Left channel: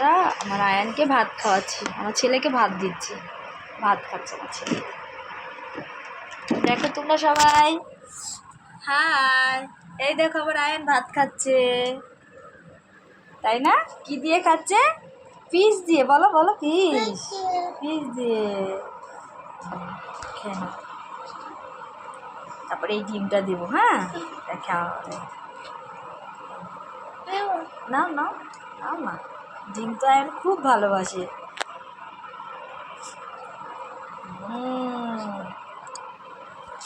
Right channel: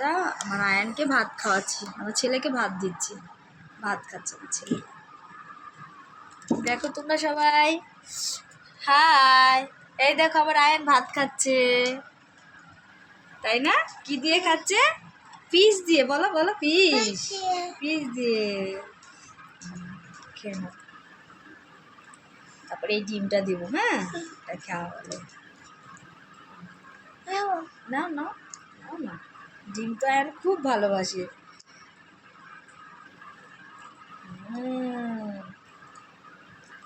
ভাতটা আমার আয়ানকে ভাত খাওয়াচ্ছি, আমার ছেলেকে ভাত দিচ্ছি, ভাত খাচ্ছে আমার ছেলে। দেখো তোমরা সবাই, হাই, এই দেখো আমার আয়ান ভাত খাচ্ছে, তাই না? কি দিয়ে খাচ্ছে? পিস দিয়ে, বলো বলো, পিস, পিস দিয়ে। খেয়ে নাও, তারপরে এই ডিমটা দিব, হ্যাঁ, এটা খাওয়াবে। নাও নাও নাও না, ডিম তো আয়ান খুব ভালোবাসে।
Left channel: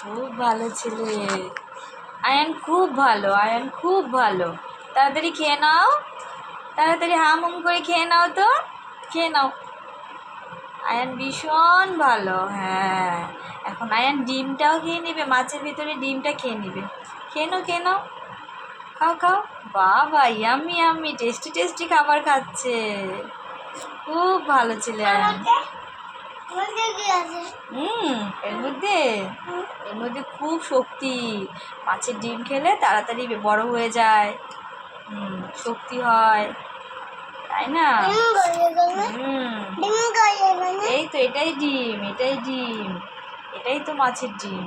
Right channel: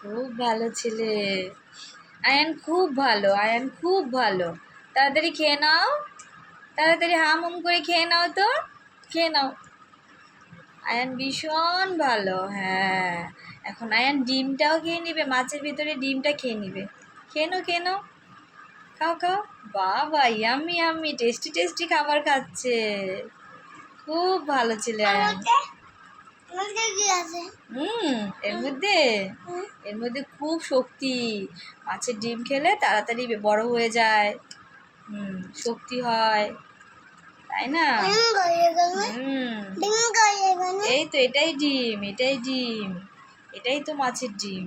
খুব ভালো ছেলে আয়ান, খুব ভালো, আয়ান খুব ভালো। তাড়াতাড়ি খেয়ে নাও, তাড়াতাড়ি হাম হুম করে খেয়ে নাও, তো খেয়ে নাও। আয়ান ভীষণ ভালো। হ্যাঁ, এখন আয়ান ডিমটাও খেয়ে নেবে, মাছের ভিতরে ডিমটা খেয়ে নেবে। খেয়ে নাও, খেয়ে নাও, খাও খাও। বাবা, ইয়াম্মি ইয়াম্মি, টেস্টি টেস্টি খাবার খাচ্ছে, খুব ভালো ছেলে আয়ান। এর মধ্যে, এর মধ্যে খুব শক্তি। মাছের ডিম খেলে তাড়াতাড়ি বড় হয়ে যায়, শক্তি হয়, তাই না? এই তো, এটাই ডিম, এটাই ডিম, এটাই তো মাছের ডিম।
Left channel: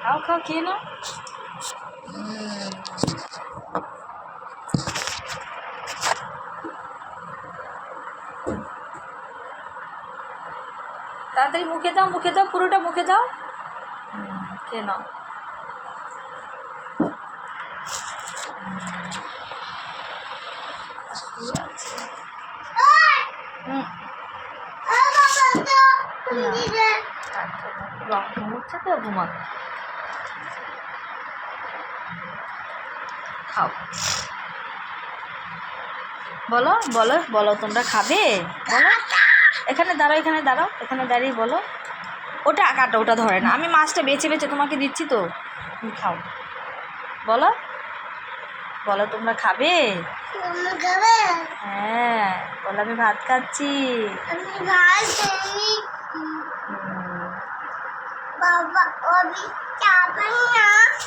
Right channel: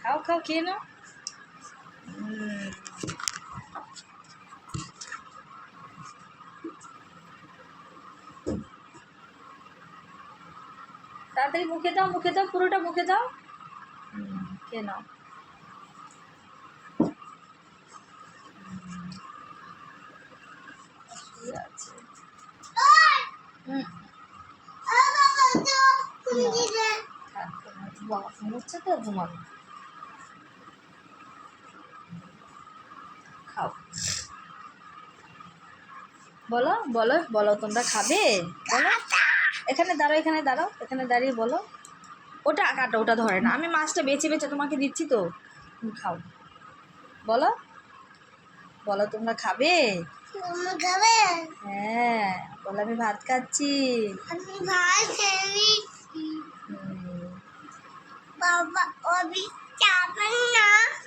খাও খাও, খেয়ে নাও। তাড়াতাড়ি মুখে দাও, মুখে দাও, পুরোটা মুখে দাও, খেয়ে নাও। ঘুমোচ্ছে তো, ঘুমাবে। খাও, বলো বলো বলো, তোমরা খাবে? বলো, এখানে দাঁড়াও, এখানে দাঁড়াও, এখানে দাঁড়িয়ে বলো। ওটা কাটো, ওটা ধরে না, আমি মাছটা বেছে বেছে তোমাকে দিচ্ছি তো, তুমি খাও। বলো বলো, তোমরা খাবে? হ্যাঁ বলো, আমি ভাত খাচ্ছি।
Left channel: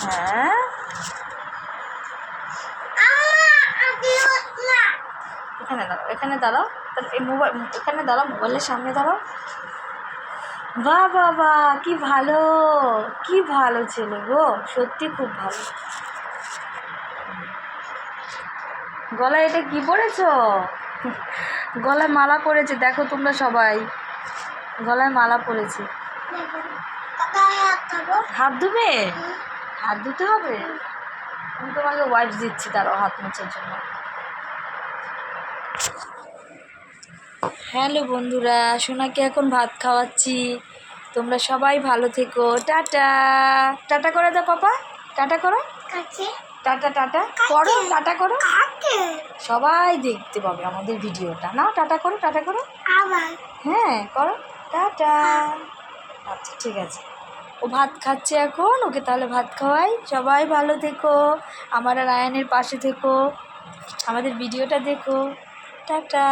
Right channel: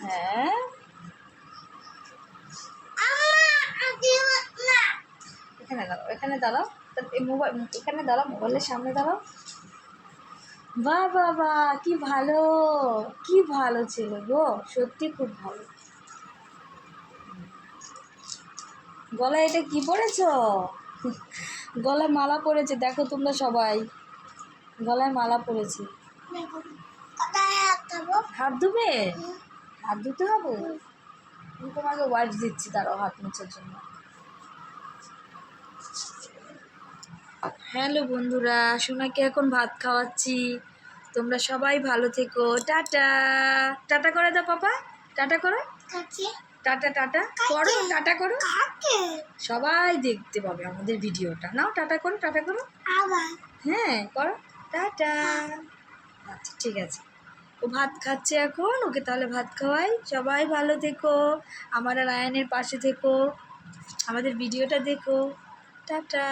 হ্যাঁ, এখানে দাঁড়াও, এখানে দাঁড়াও, এই মোবাইল এখানে দাঁড়াও, মোবাইলের সামনে দাঁড়াও। বাহ বাহ বাহ, কি ভালো, কি ভালো ছেলে গো, সত্যি খুব ভালো। গলায় এটা কি পরেছ? গলায় মালা পরেছে, দেখো তোমরা সবাই, গলায় মালা পরেছে। হাত ধুবে? হাত ধুতে হবে? আমি তোমাকে ওয়াইপস দিচ্ছি, তারাও হাত মোছার জন্য। হ্যালো বন্ধুরা, সোনাকে এখন ভাত খাওয়াচ্ছি। তোমরা সবাই ভালো থেকো, টাটা। টাটা করে দাও পাপা, টাটা করো, টাটা টাটা করো, টাটা করো, সবাই দেখতে পাবে আমাদের ভিডিওটা। নাও টাটা করো, টাটা করো, হ্যাঁ করো, টাটা। আচ্ছা ঠিক আছে, ও ভাত খাচ্ছে এখন, ওকে তাহলে ভাত খাওয়াই। সবাই ভালো থেকো, আমার আর আয়ানের পাশে থেকো, আমাদের ভিডিওটা দেখো, টাটা।